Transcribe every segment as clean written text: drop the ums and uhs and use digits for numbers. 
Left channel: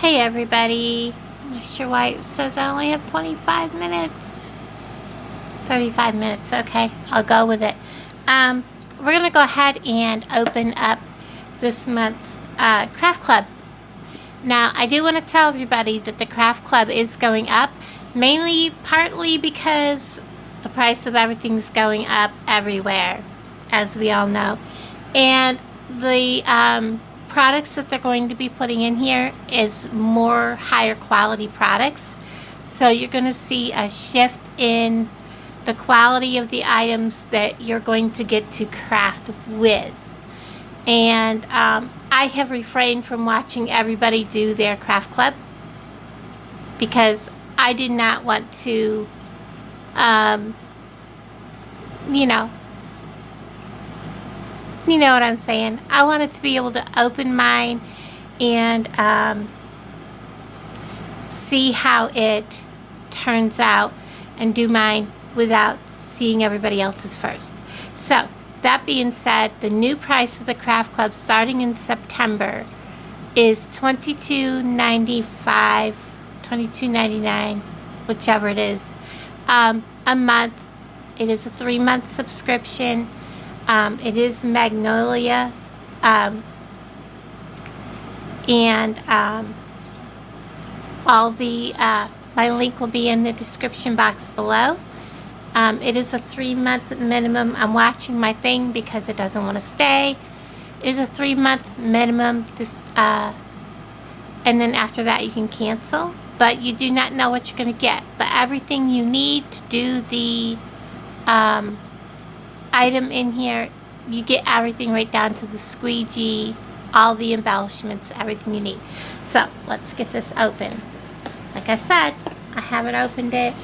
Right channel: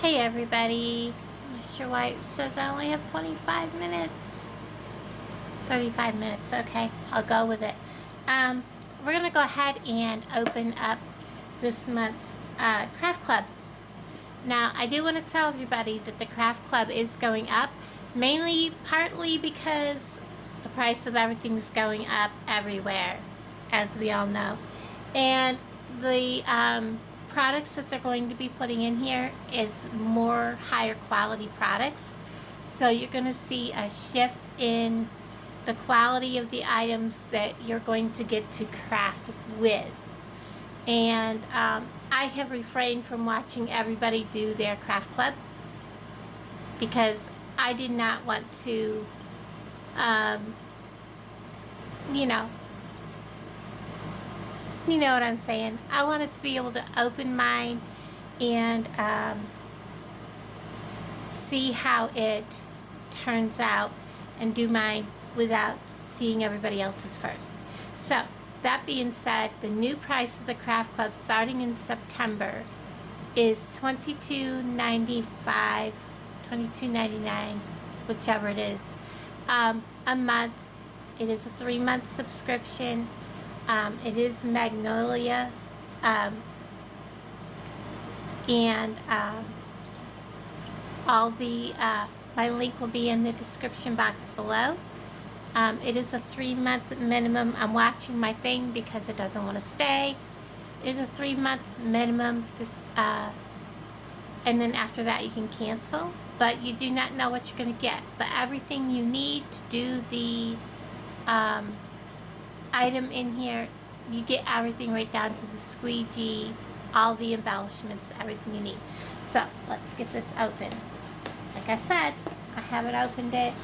Hey everybody, I'm not sure why it says I only have 25 minutes. 35 minutes, okay, I'll go with it. We're going to go ahead and open up this month's craft club. Now, I do want to tell everybody that the craft club is going up, partly because the price of everything's going up everywhere, as we all know. And the products that they're going to be putting in here is more higher quality products. So you're going to see a shift in the quality of the items that you're going to get to craft with. And I have refrained from watching everybody do their craft club because I did not want to, you know what I'm saying. I wanted to be able to open mine and see how it turns out and do mine without seeing everybody else's first. So, that being said, the new price of the craft club starting in September is $22.95, $22.99, whichever it is, a month. It is a 3-month subscription. It is Magnolia, and all the my link will be in the description box below. It is a 3-month minimum. I'm watching my thing because it doesn't want to stay. It is a 3-month minimum, and then after that you can cancel, but you do not know what you're going to get. But everything you need to do the item in here, you get everything right down to the squeegee, all the embellishments, everything you need. So let's get this open. Like I said, I haven't opened it.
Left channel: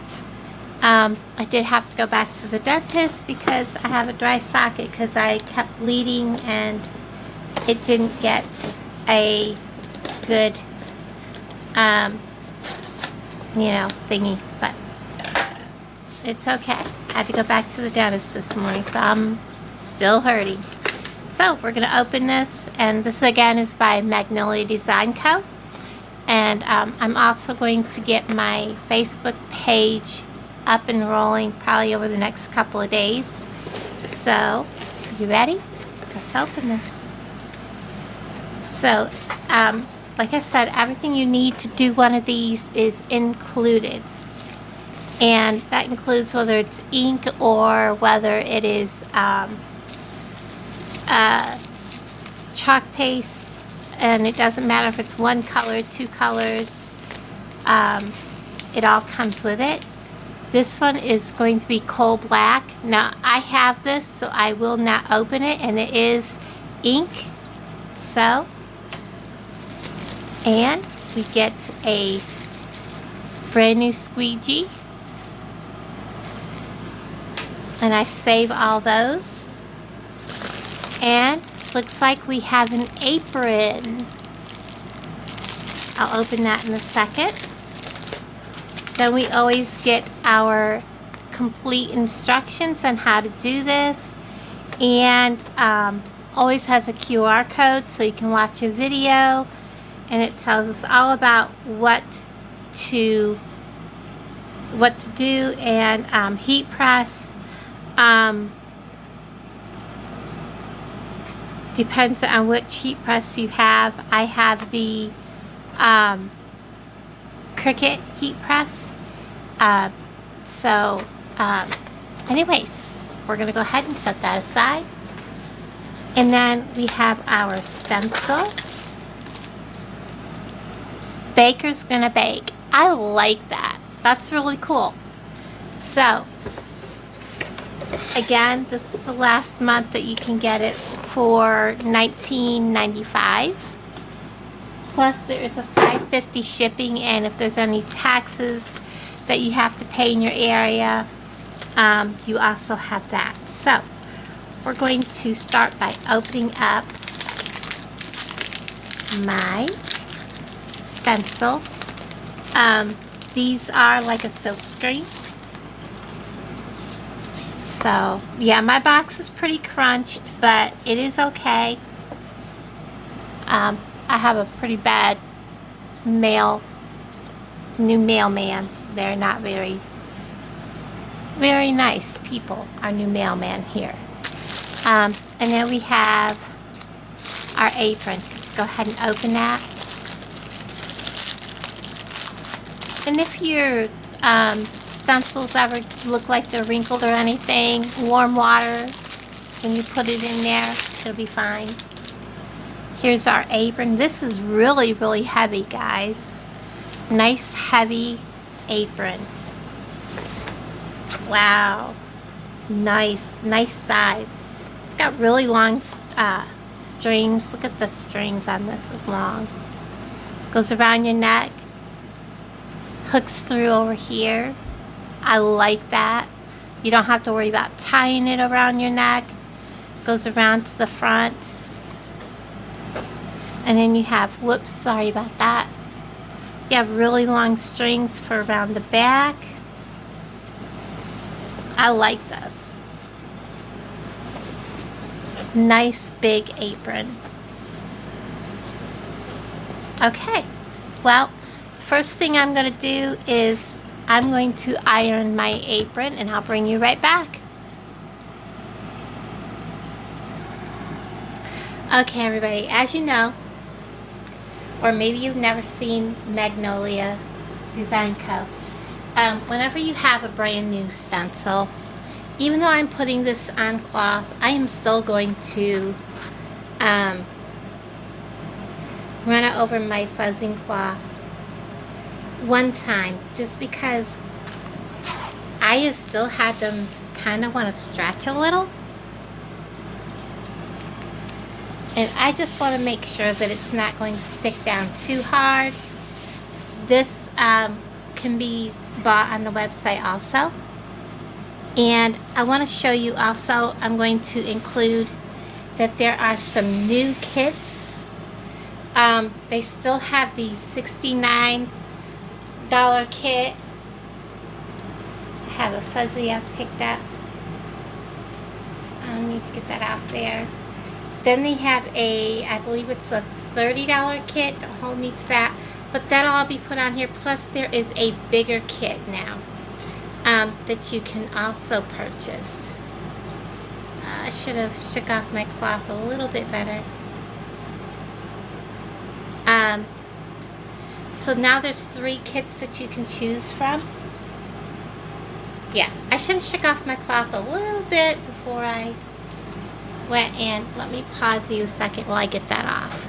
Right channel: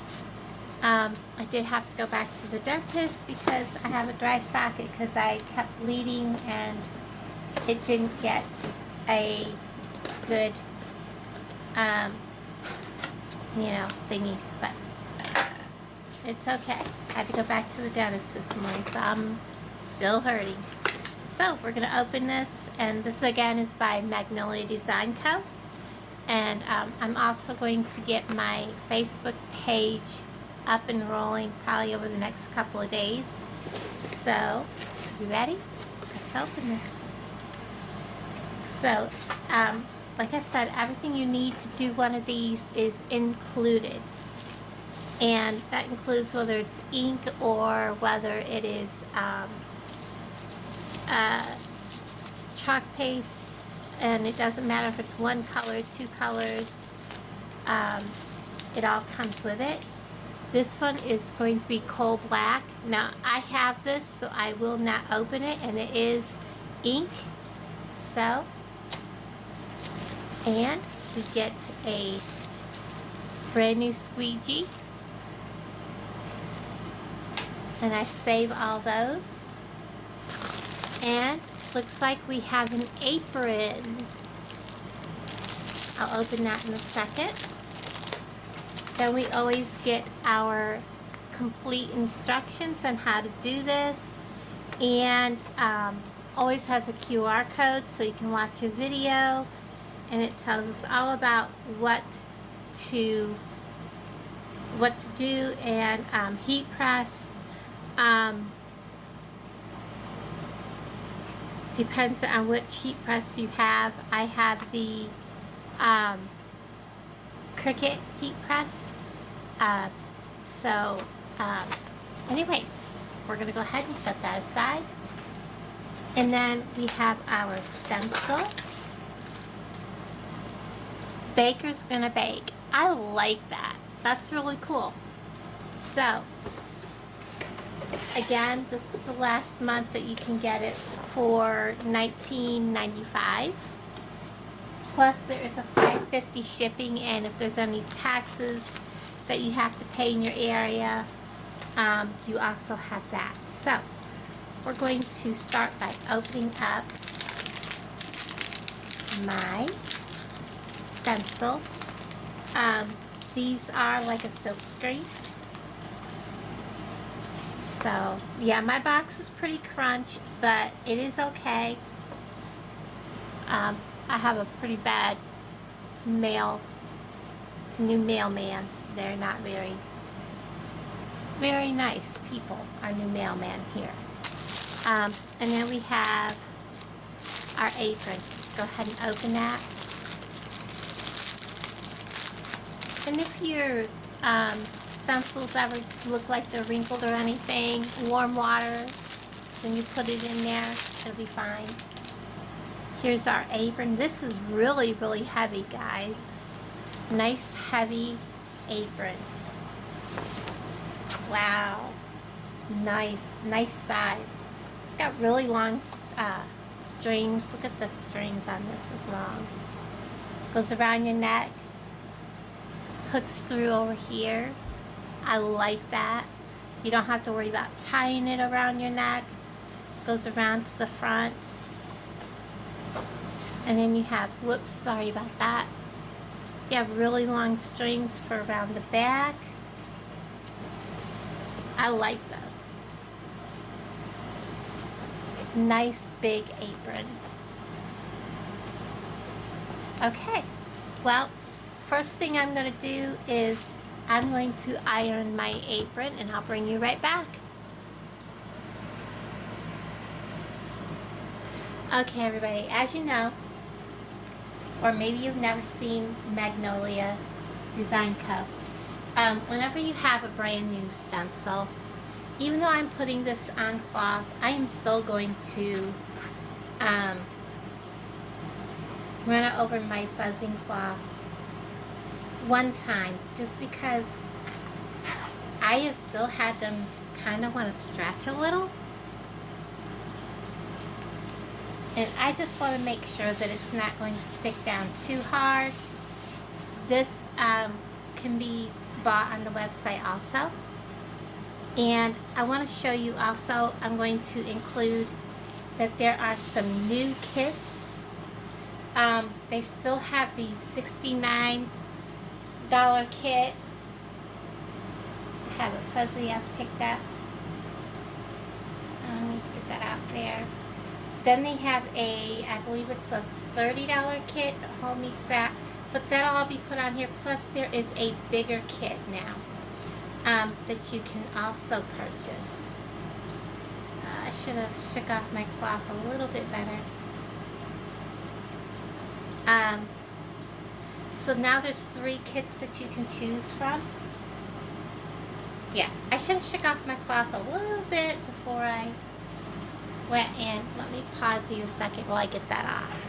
I did have to go back to the dentist because I have a dry socket because I kept bleeding and it didn't get a good thingy, but it's okay. I had to go back to the dentist this morning, so I'm still hurting. So we're going to open this, and this again is by Magnolia Design Co. And I'm also going to get my Facebook page up and rolling probably over the next couple of days. So, you ready? Let's open this. So, like I said, everything you need to do one of these is included. And that includes whether it's ink or whether it is chalk paste. And it doesn't matter if it's one color, 2 colors. It all comes with it. This one is going to be coal black. Now, I have this, so I will not open it. And it is ink. So, and we get a brand new squeegee. And I save all those. And looks like we have an apron. I'll open that in a second. Then we always get our complete instructions on how to do this. And always has a QR code so you can watch a video. And it tells us all about what to do, and heat press. Depends on which heat press you have. I have the Cricut heat press. Anyways, we're going to go ahead and set that aside. And then we have our stencil. Baker's Gonna Bake. I like that. That's really cool. So, again, this is the last month that you can get it for $19.95. Plus, there is a $5.50 shipping, and if there's any taxes that you have to pay in your area, you also have that. So, we're going to start by opening up my stencil. These are like a silk screen. So, yeah, my box is pretty crunched, but it is okay. I have a pretty bad new mailman. They're not very nice people, our new mailman here. And then we have our apron. Let's go ahead and open that. And if your stencils ever look like they're wrinkled or anything, warm water, when you put it in there, it'll be fine. Here's our apron. This is really, really heavy, guys. Nice, heavy apron. Wow. Nice size. It's got really long strings. Look at the strings on this, it's long. Goes around your neck. Hooks through over here. I like that. You don't have to worry about tying it around your neck. Goes around to the front. And then you have, whoops, sorry about that. You have really long strings for around the back. I like this. Nice big apron. Okay, well, first thing I'm going to do is I'm going to iron my apron, and I'll bring you right back. Okay, everybody, as you know, or maybe you've never seen Magnolia Design Co. Whenever you have a brand new stencil, even though I'm putting this on cloth, I am still going to run it over my fuzzing cloth one time, just because I have still had them kind of want to stretch a little. And I just want to make sure that it's not going to stick down too hard. This can be bought on the website also. And I want to show you also, I'm going to include that there are some new kits. They still have the $69 kit. I have a fuzzy I've picked up. I need to get that off there. Then they have a, I believe it's a $30 kit. Don't hold me to that. But that'll all be put on here. Plus there is a bigger kit now that you can also purchase. I should have shook off my cloth a little bit better. So now there's 3 kits that you can choose from. Yeah, I should have shook off my cloth a little bit before I went in. Let me pause you a second while I get that off.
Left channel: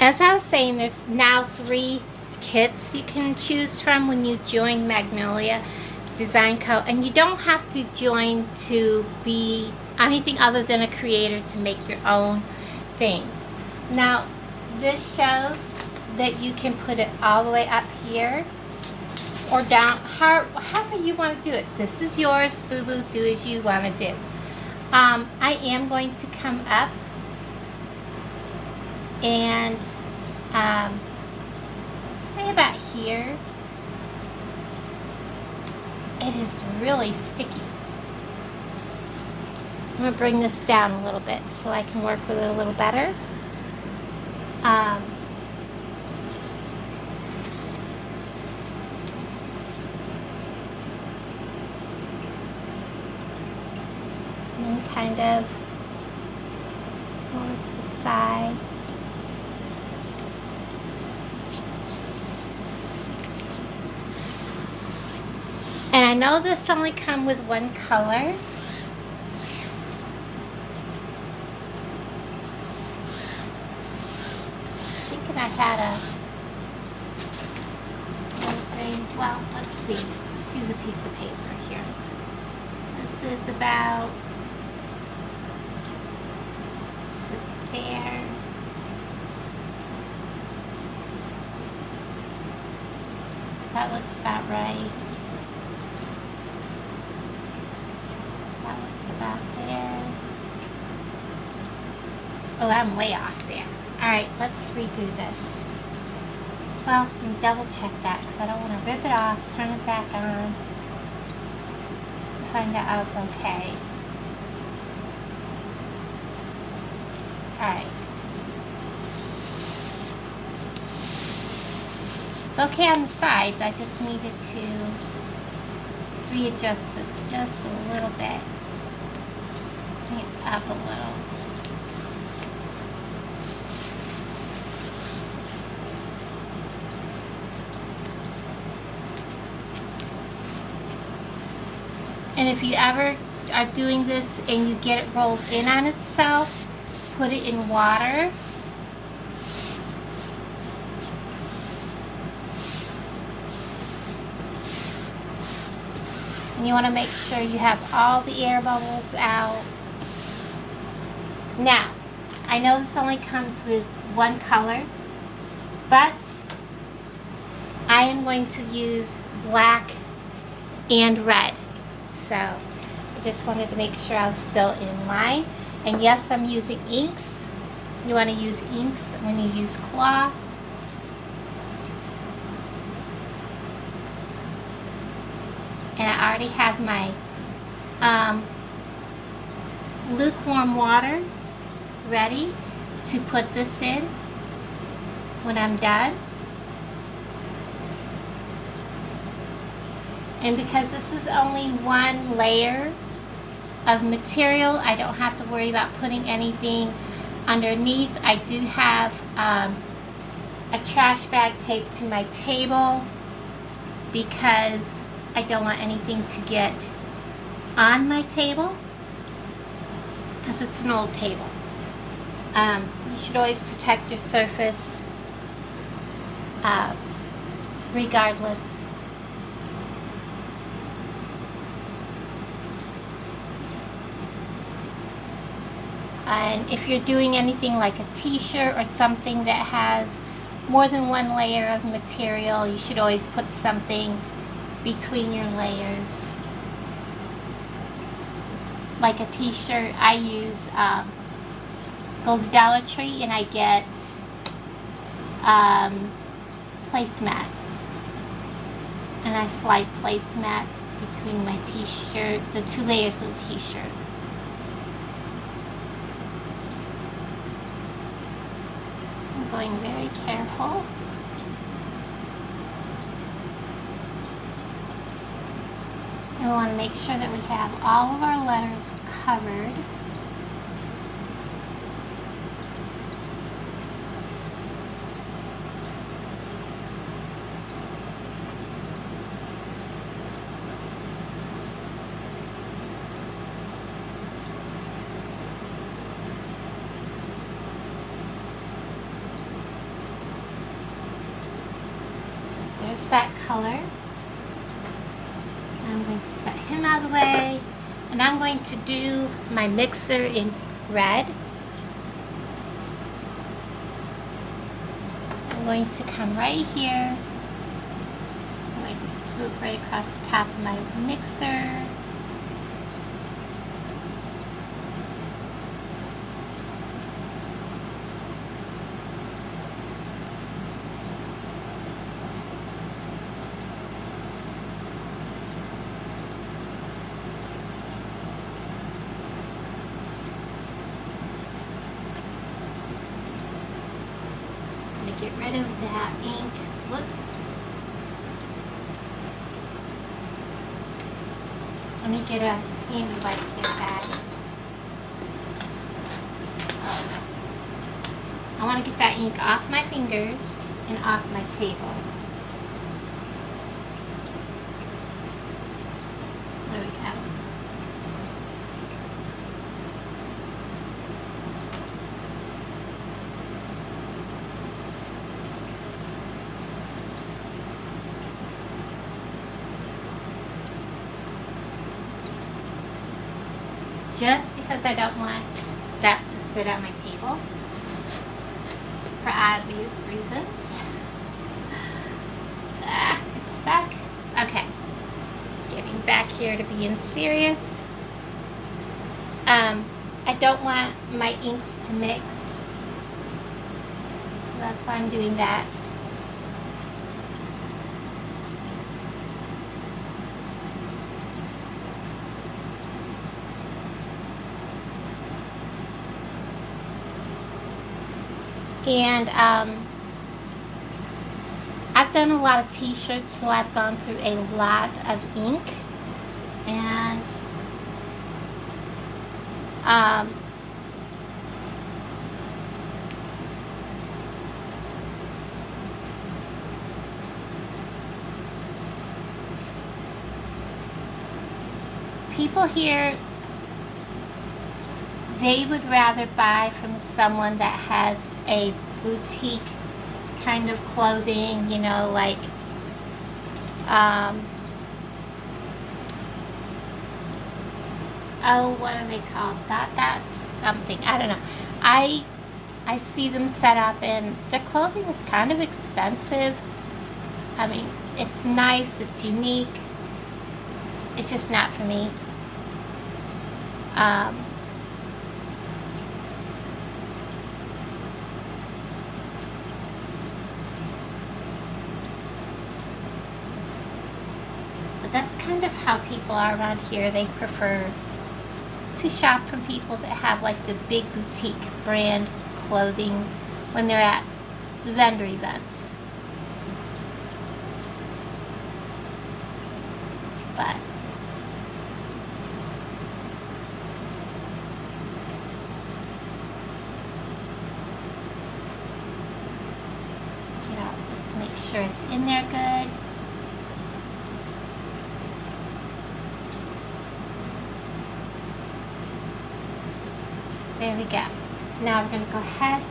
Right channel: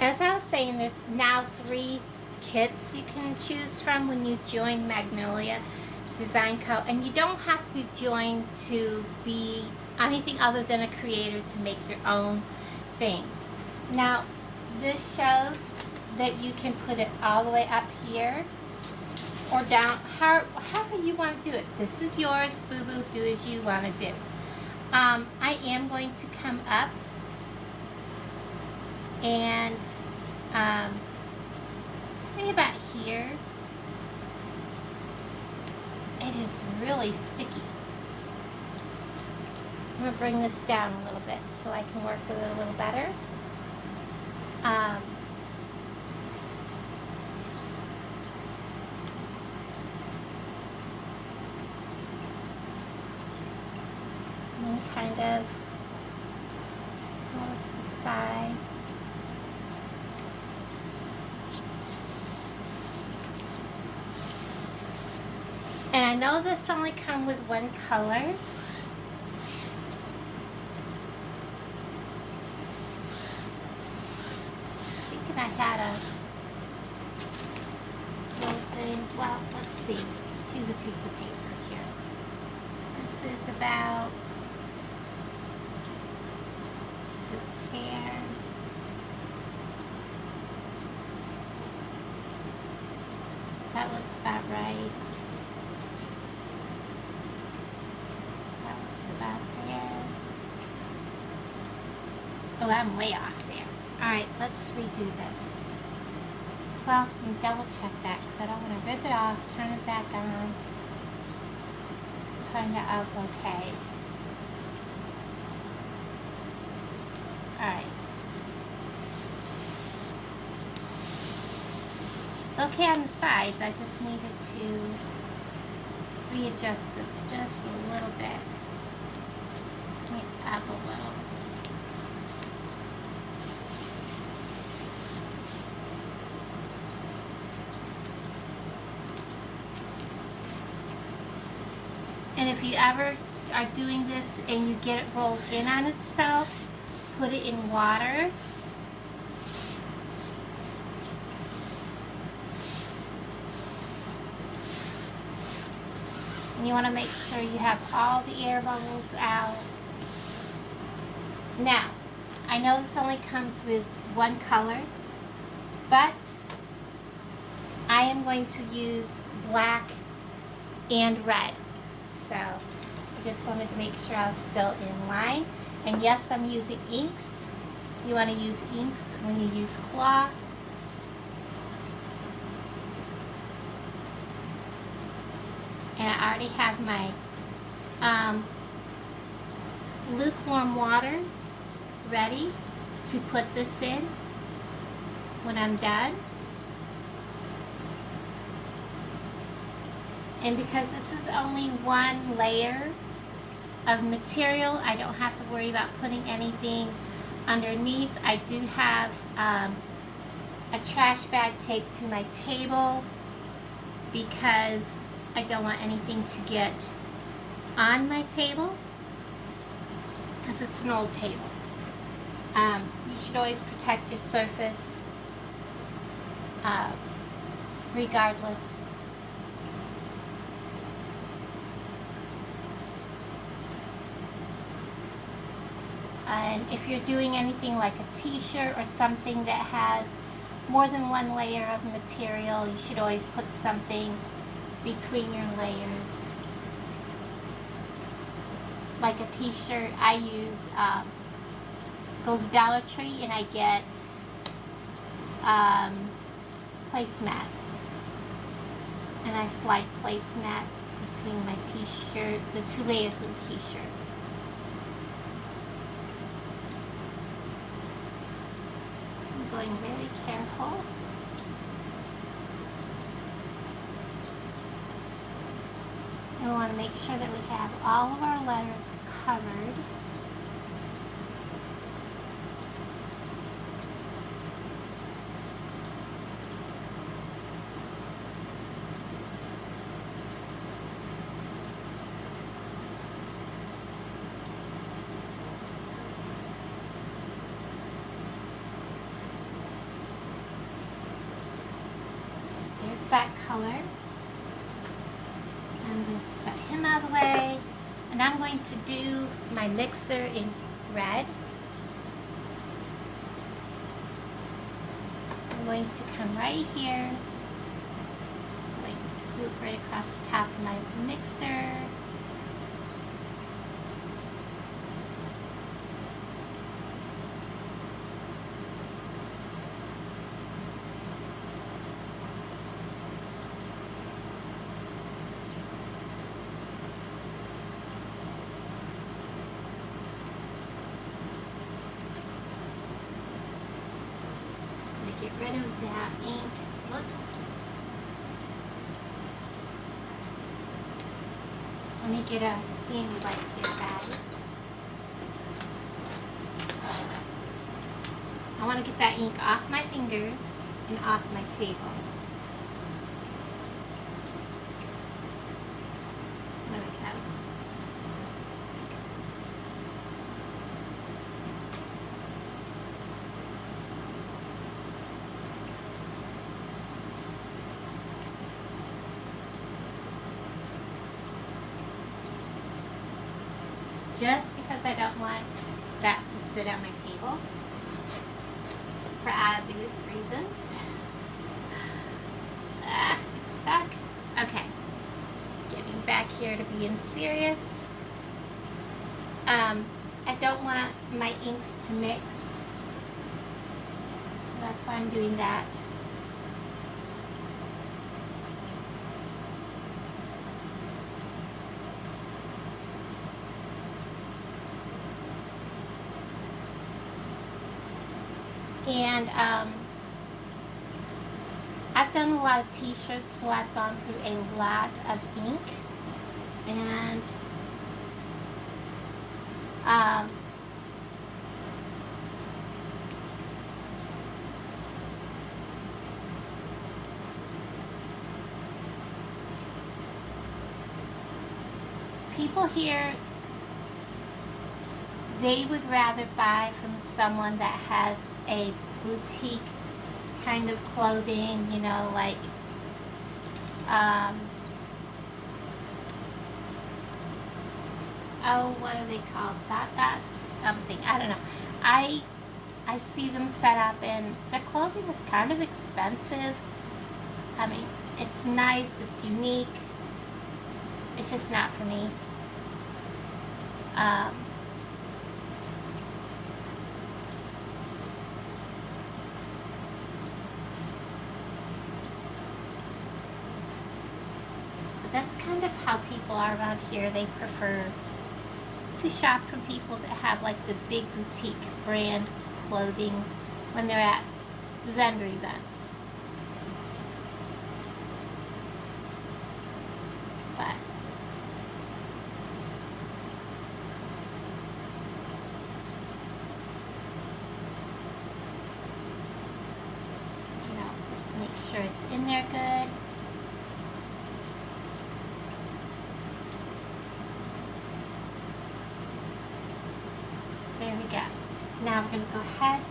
As I was saying, there's now 3 kits you can choose from when you join Magnolia Design Co. And you don't have to join to be anything other than a creator to make your own things. Now, this shows that you can put it all the way up here or down, however you want to do it. This is yours, boo-boo, do as you want to do. I am going to come up and right about here. It is really sticky. I'm going to bring this down a little bit so I can work with it a little better. And kind of go to the side. And I know this only comes with one color. I had a little thing. Well, let's see. Let's use a piece of paper here. This is about to there. That looks about right. That looks about there. Oh, I'm way off there. Alright, let's redo this. Well, let me double check that because I don't want to rip it off, turn it back on, just to find out I was okay. Alright. It's okay on the sides. I just needed to readjust this just a little bit. Bring it up a little. And if you ever are doing this and you get it rolled in on itself, put it in water. And you want to make sure you have all the air bubbles out. Now, I know this only comes with one color, but I am going to use black and red. So I just wanted to make sure I was still in line. And yes, I'm using inks. You want to use inks when you use cloth. And I already have my lukewarm water ready to put this in when I'm done. And because this is only one layer of material, I don't have to worry about putting anything underneath. I do have a trash bag taped to my table because I don't want anything to get on my table because it's an old table. You should always protect your surface regardless. And if you're doing anything like a t-shirt or something that has more than one layer of material, you should always put something between your layers. Like a t-shirt, I use go to Dollar Tree and I get placemats. And I slide placemats between my t-shirt, the two layers of the t-shirt. Going very careful. And we want to make sure that we have all of our letters covered. That color. I'm going to set him out of the way, and I'm going to do my mixer in red. I'm going to come right here. I'm going to swoop right across the top of my mixer. Get rid of that ink. Whoops. Let me get a clean wipe here, guys. I want to get that ink off my fingers and off my table. There we go. Just because I don't want that to sit on my table for obvious reasons. It's stuck. Okay. Getting back here to being serious. I don't want my inks to mix. So that's why I'm doing that. And after done a lot of t-shirts, so I've gone through a lot of ink. And people here, they would rather buy from someone that has a boutique kind of clothing, you know, like oh, what are they called? That's something, I don't know. I see them set up, and their clothing is kind of expensive. I mean, it's nice, it's unique. It's just not for me. But that's kind of how people are around here. They prefer to shop from people that have like the big boutique brand clothing when they're at vendor events. But let's make sure it's in there good. There we go. Now we're going to go ahead,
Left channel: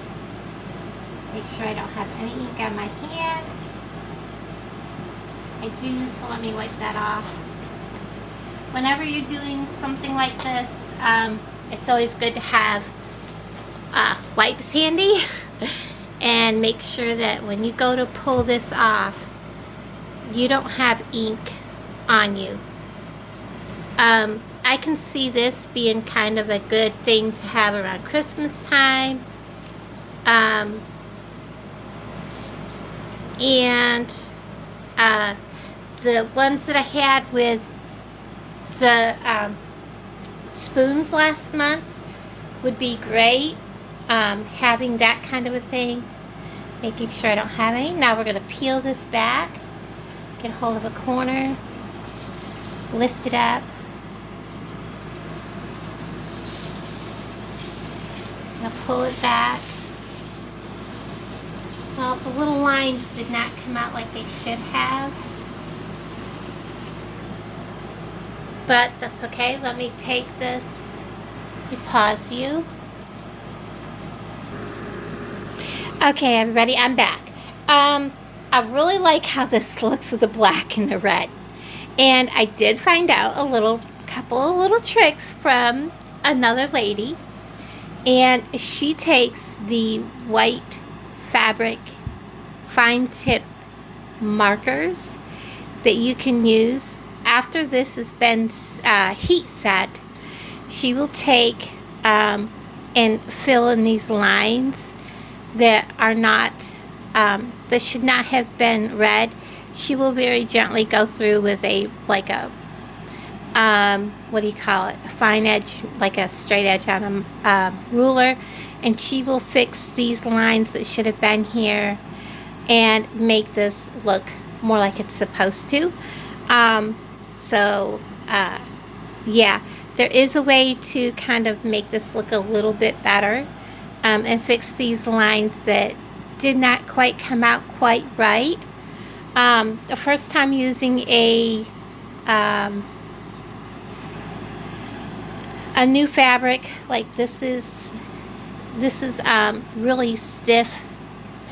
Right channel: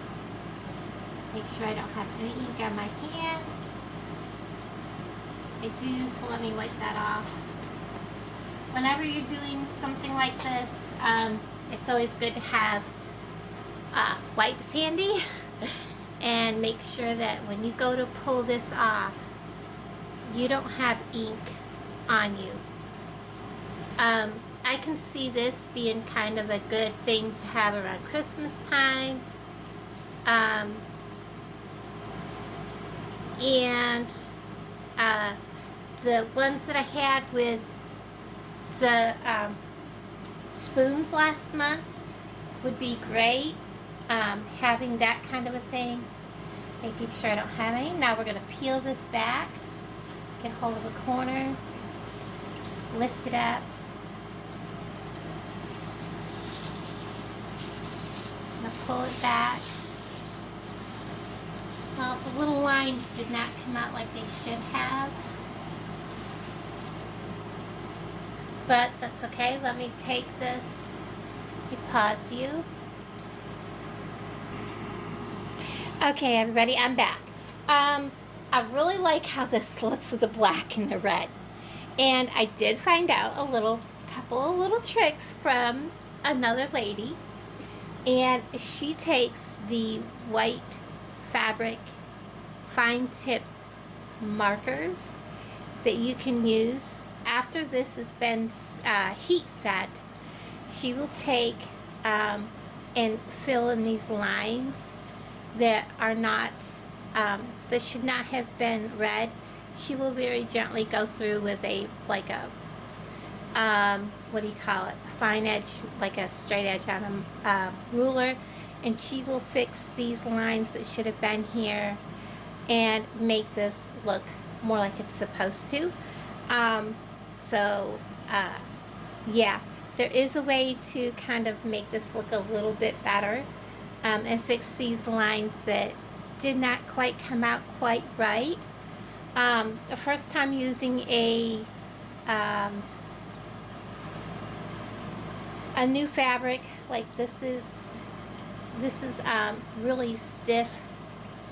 make sure I don't have any ink on my hand. I do, so let me wipe that off. Whenever you're doing something like this, it's always good to have wipes handy. And make sure that when you go to pull this off, you don't have ink on you. I can see this being kind of a good thing to have around Christmas time. And the ones that I had with the spoons last month would be great. Having that kind of a thing. Making sure I don't have any. Now we're going to peel this back. Get hold of a corner. Lift it up. Now pull it back. Well, the little lines did not come out like they should have. But that's okay. Let me take this. Let me pause you. Okay, everybody, I'm back. I really like how this looks with the black and the red. And I did find out a couple of little tricks from another lady. And she takes the white fabric fine tip markers that you can use after this has been heat set. She will take and fill in these lines that are not, that should not have been red. She will very gently go through with a, like a, what do you call it? A fine edge, like a straight edge on a ruler. And she will fix these lines that should have been here and make this look more like it's supposed to. Yeah, there is a way to kind of make this look a little bit better. And fix these lines that did not quite come out quite right. The first time using a new fabric, like this is really stiff,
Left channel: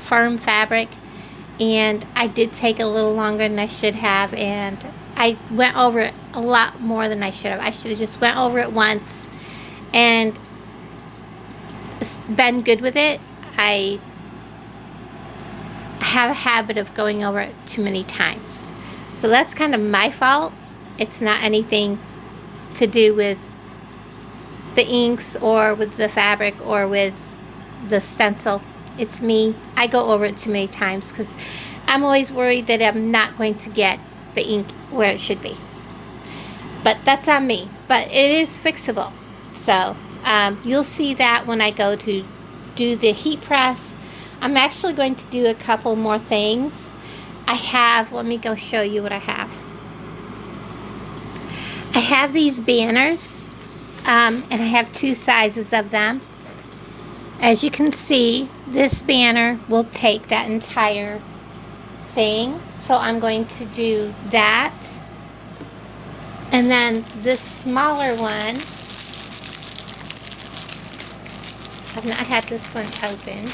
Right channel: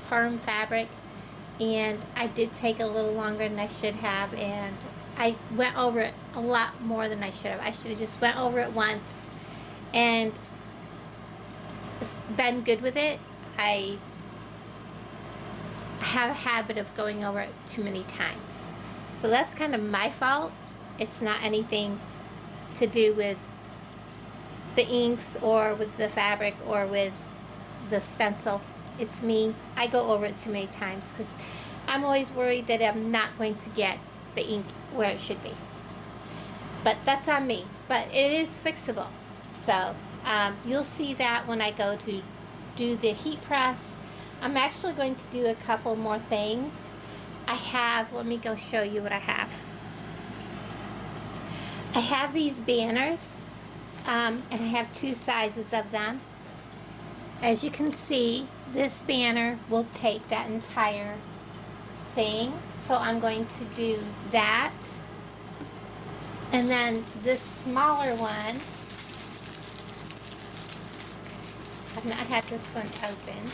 firm fabric, and I did take a little longer than I should have, and I went over it a lot more than I should have. I should have just went over it once and been good with it. I have a habit of going over it too many times. So that's kind of my fault. It's not anything to do with the inks or with the fabric or with the stencil. It's me. I go over it too many times because I'm always worried that I'm not going to get the ink where it should be. But that's on me. But it is fixable. So you'll see that when I go to do the heat press. I'm actually going to do a couple more things I have, let me go show you what I have. I have these banners, and I have 2 sizes of them. As you can see, this banner will take that entire thing. So I'm going to do that. And then this smaller one, I've not had this one open.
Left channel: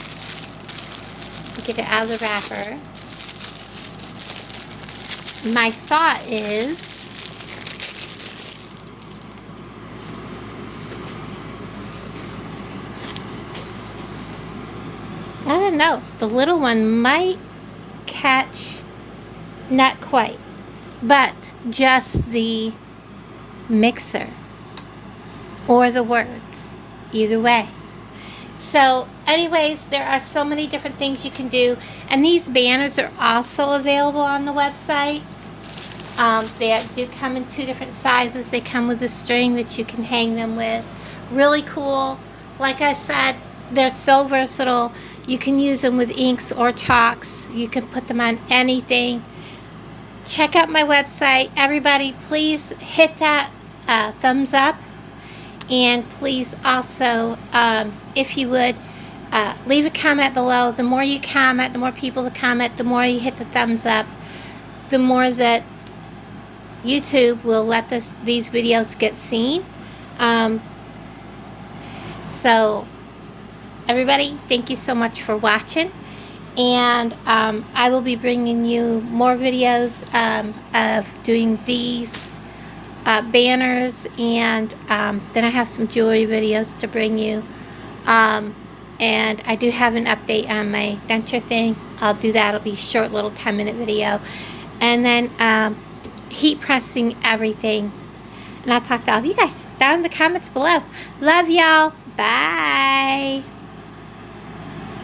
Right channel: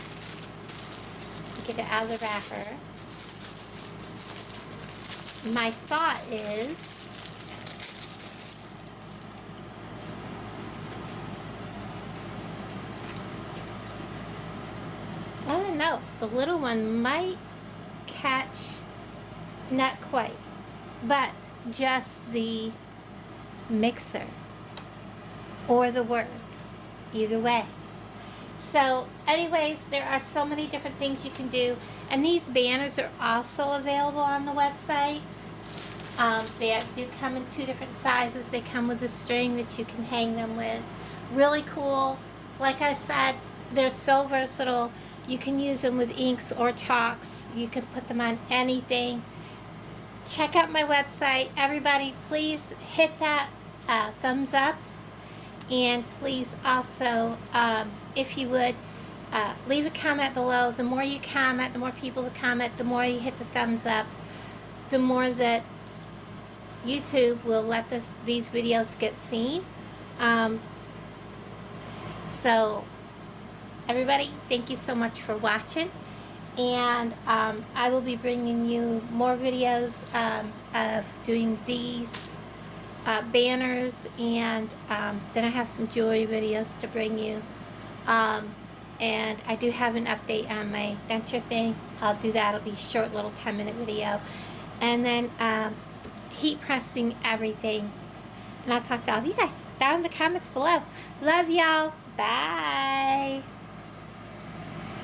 Get it out of the wrapper. My thought is, I don't know, the little one might catch, not quite, but just the mixer or the words, either way. So anyways, there are so many different things you can do, and these banners are also available on the website. They do come in 2 different sizes. They come with a string that you can hang them with. Really cool. Like I said, they're so versatile. You can use them with inks or chalks. You can put them on anything. Check out my website. Everybody, please hit that thumbs up. And please also, if you would, leave a comment below. The more you comment, the more people that comment, the more you hit the thumbs up, the more that YouTube will let these videos get seen. So, everybody, thank you so much for watching. And I will be bringing you more videos of doing these banners, and then I have some jewelry videos to bring you, and I do have an update on my denture thing. I'll do that. It'll be a short little 10-minute video, and then heat pressing everything, and I'll talk to all of you guys down in the comments below. Love y'all. Bye.